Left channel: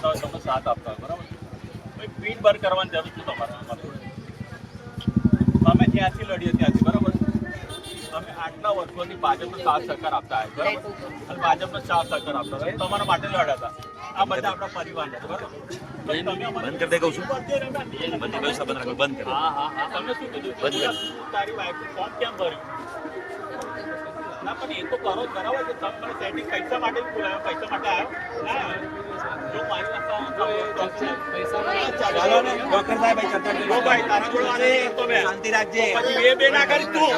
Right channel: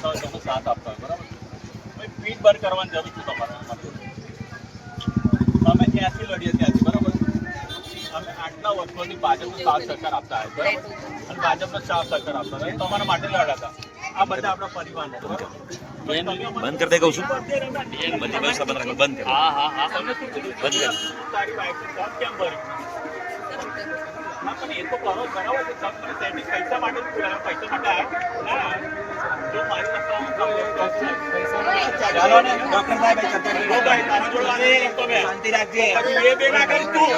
તમે સાથ આપતા હોય બરાબર ભાઈ પીઠ બર કરવાની જરૂર છે તમારે અમારી અમે ત્યાંથી લડીએ ત્યાંથી બરાબર અમે આટલા વર્ષોથી ભાજપનો સાથ સહકાર આપતા હોય બરાબર અને ભાજપનો સાથ સહકાર આપતા હોય તમારા માટે લડ્યા હતા આ બધા આપણા પરિવારનો બરાબર બંધ કરી દે કહું છું બંધ હા હા હા તમે શું કીધું બંધ તારી વાઈફ ફોર્મ કેમ ભર્યું ના પણ એ તો કરો બરાબર છે તમે મને સેટિંગ પૈસા માટે જ બોલાવ્યો પૈસા માટે આવ્યો ના જો મારી ચાલો ને ડોક્ટર સાહેબ ભાઈ તારા જોડે વાત નહીં કરતો મેં શાંતિ રાખજે પછી બે ના કરી તું